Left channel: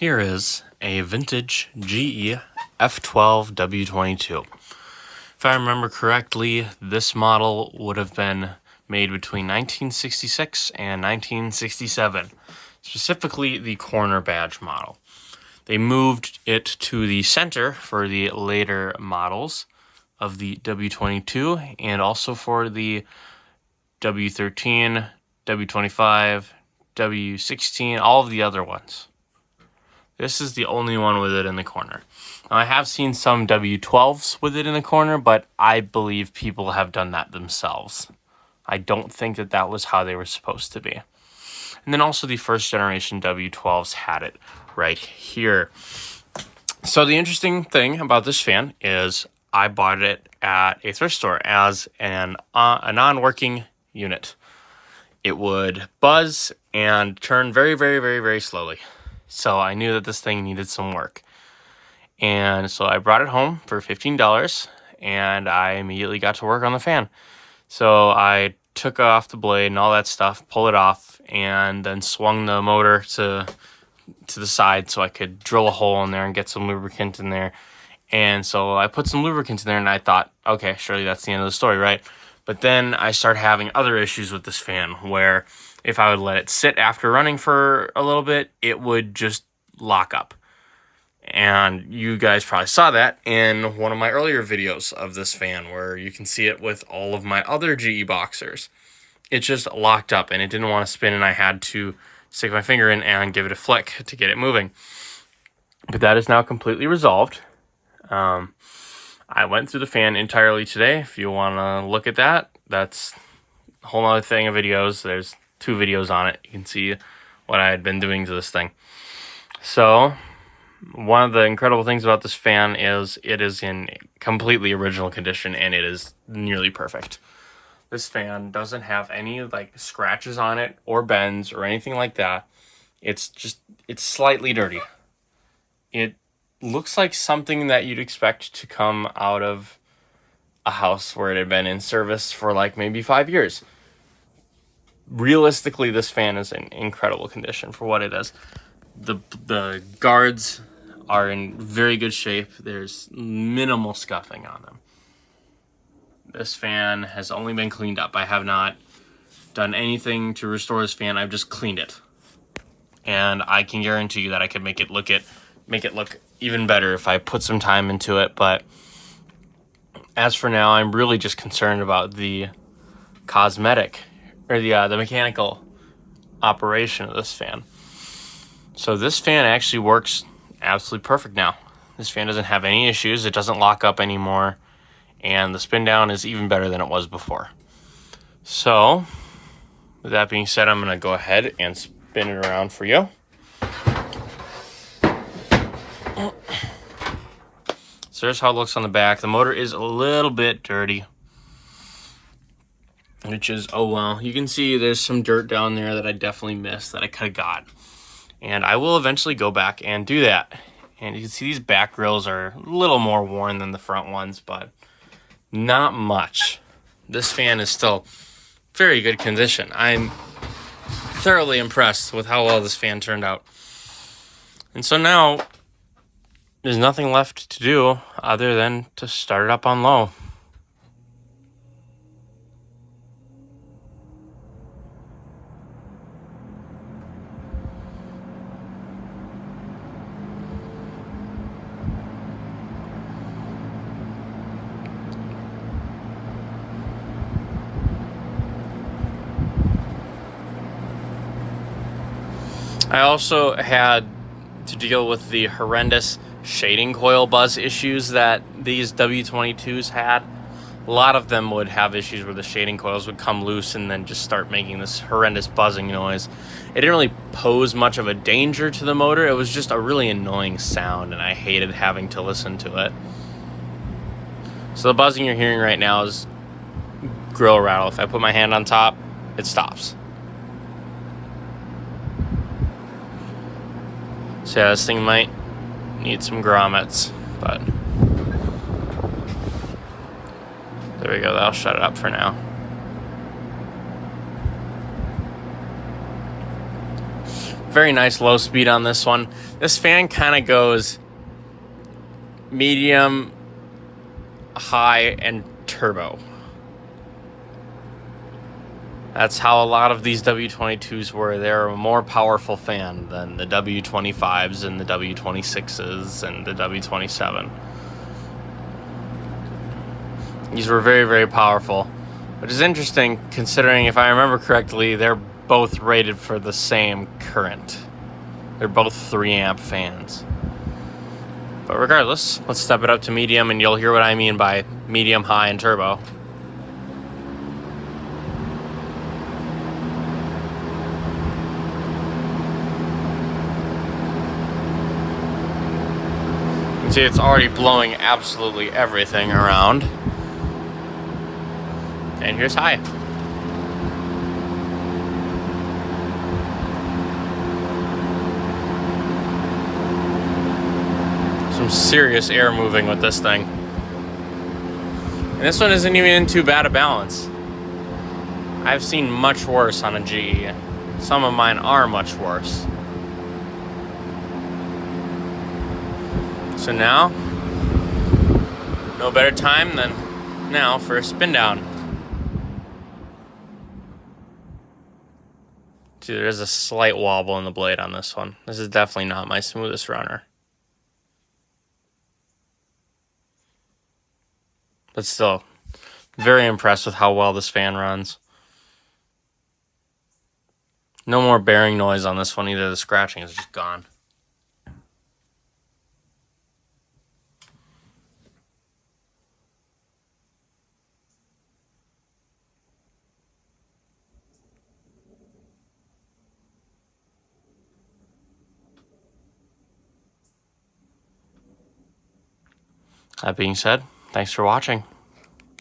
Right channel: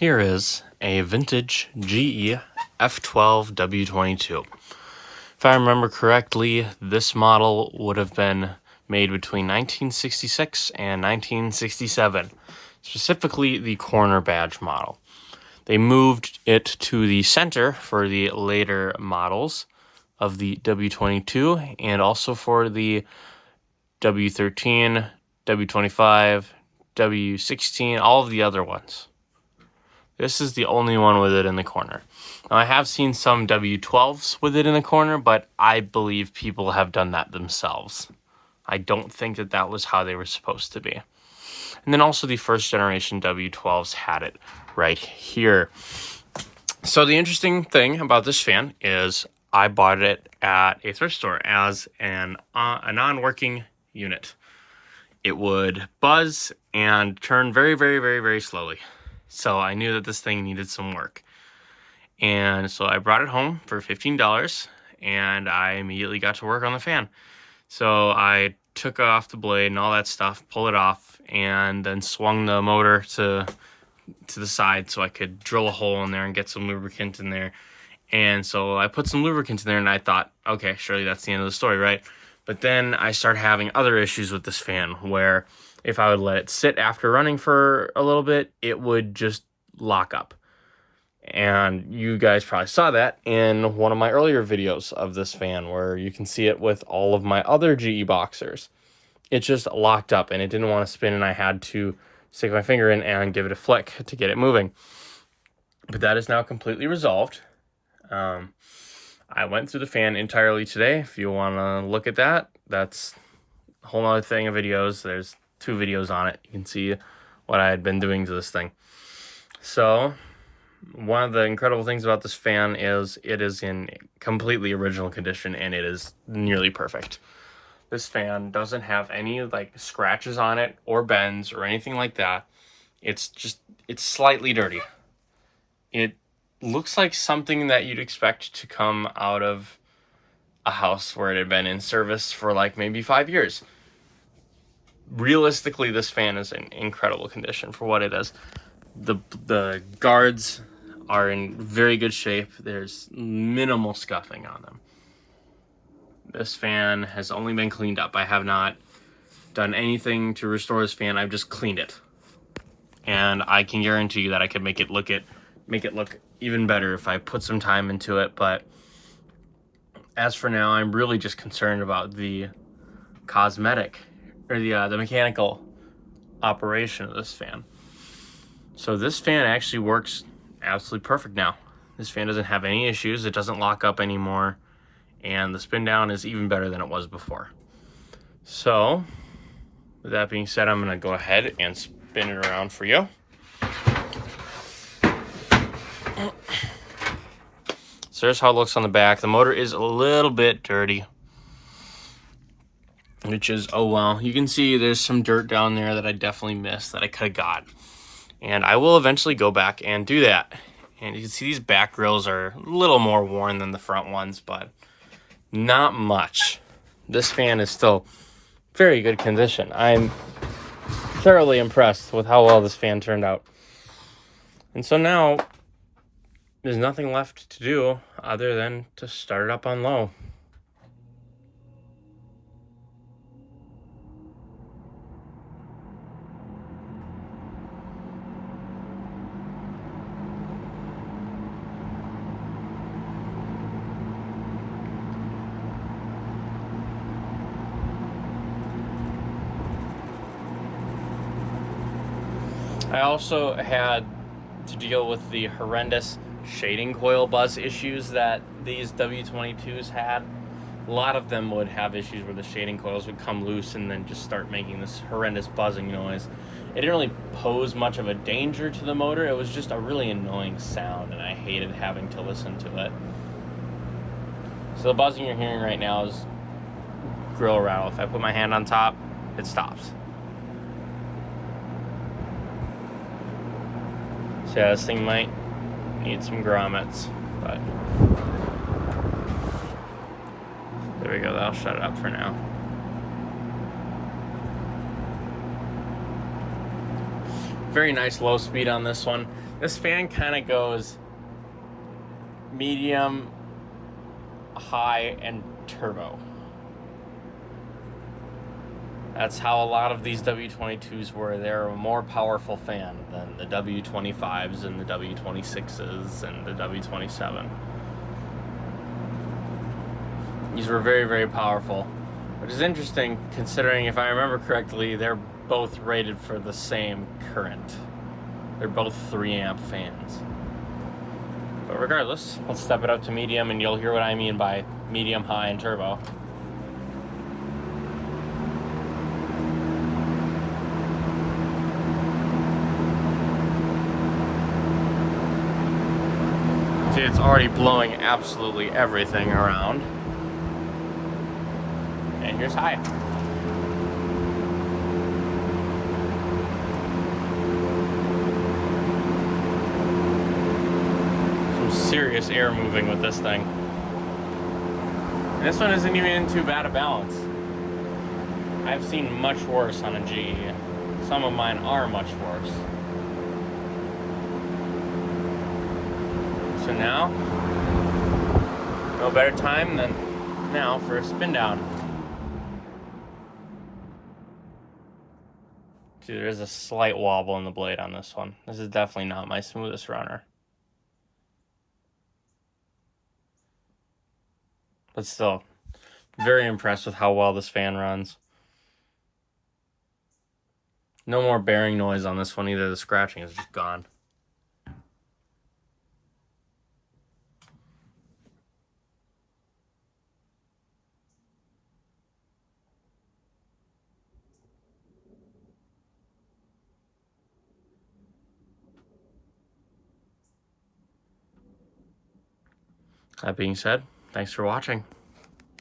Here is a vintage GE F12 W22. If I remember correctly, this model would have been made between 1966 and 1967, specifically the corner badge model. They moved it to the center for the later models of the W22 and also for the W13, W25, W16, all of the other ones. This is the only one with it in the corner. Now, I have seen some W12s with it in the corner, but I believe people have done that themselves. I don't think that that was how they were supposed to be. And then also the first generation W12s had it right here. So the interesting thing about this fan is I bought it at a thrift store as a non-working unit. It would buzz and turn very, very, very, very slowly. So I knew that this thing needed some work. And so I brought it home for $15 and I immediately got to work on the fan. So I took off the blade and all that stuff, pull it off, and then swung the motor to the side so I could drill a hole in there and get some lubricant in there. And so I put some lubricant in there and I thought, okay, surely that's the end of the story, right? But then I started having other issues with this fan where if I would let it sit after running for a little bit, it would just lock up. And you guys probably saw that in one of my earlier videos of this fan where you can see it with all of my other GE boxers. It just locked up and it didn't want to spin and I had to stick my finger in and give it a flick to get it moving. But that is now completely resolved. I went through the fan entirely today. If you want to look at that, that's a whole other thing of videos. There's 2 videos on it. You can see what I had been doing to this thing. So one of the incredible things about this fan is it is in completely original condition and it is nearly perfect. This fan doesn't have any like scratches on it or bends or anything like that. It's slightly dirty. It looks like something that you'd expect to come out of a house where it had been in service for like maybe 5 years. Realistically, this fan is in incredible condition for what it is. The guards are in very good shape. There's minimal scuffing on them. This fan has only been cleaned up. I have not done anything to restore this fan. I've just cleaned it. And I can guarantee you that I could make it look even better if I put some time into it. But as for now, I'm really just concerned about the cosmetic or the mechanical operation of this fan. So this fan actually works absolutely perfect now. This fan doesn't have any issues. It doesn't lock up anymore. And the spin down is even better than it was before. So with that being said, I'm going to go ahead and spin it around for you. So there's how it looks on the back. The motor is a little bit dirty, which is, oh well. You can see there's some dirt down there that I definitely missed that I could have got. And I will eventually go back and do that. And you can see these back grills are a little more worn than the front ones, but not much. This fan is still very good condition. I'm thoroughly impressed with how well this fan turned out. And so now there's nothing left to do other than to start it up on low. I also had to deal with the horrendous shading coil buzz issues that these W22s had. A lot of them would have issues where the shading coils would come loose and then just start making this horrendous buzzing noise. It didn't really pose much of a danger to the motor. It was just a really annoying sound, and I hated having to listen to it. So the buzzing you're hearing right now is grill rattle. If I put my hand on top, it stops. So yeah, this thing might need some grommets, but there we go. That'll shut it up for now. Very nice low speed on this one. This fan kind of goes medium, high, and turbo. That's how a lot of these W22s were. They're a more powerful fan than the W25s and the W26s and the W27. These were very, very powerful, which is interesting considering, if I remember correctly, they're both rated for the same current. They're both 3 amp fans. But regardless, let's step it up to medium and you'll hear what I mean by medium, high, and turbo. See, it's already blowing absolutely everything around. And here's high. Some serious air moving with this thing. And this one isn't even in too bad a balance. I've seen much worse on a GE. Some of mine are much worse. So now, no better time than now for a spin down. See, there is a slight wobble in the blade on this one. This is definitely not my smoothest runner. But still, very impressed with how well this fan runs. No more bearing noise on this one either. The scratching is just gone. That being said, thanks for watching.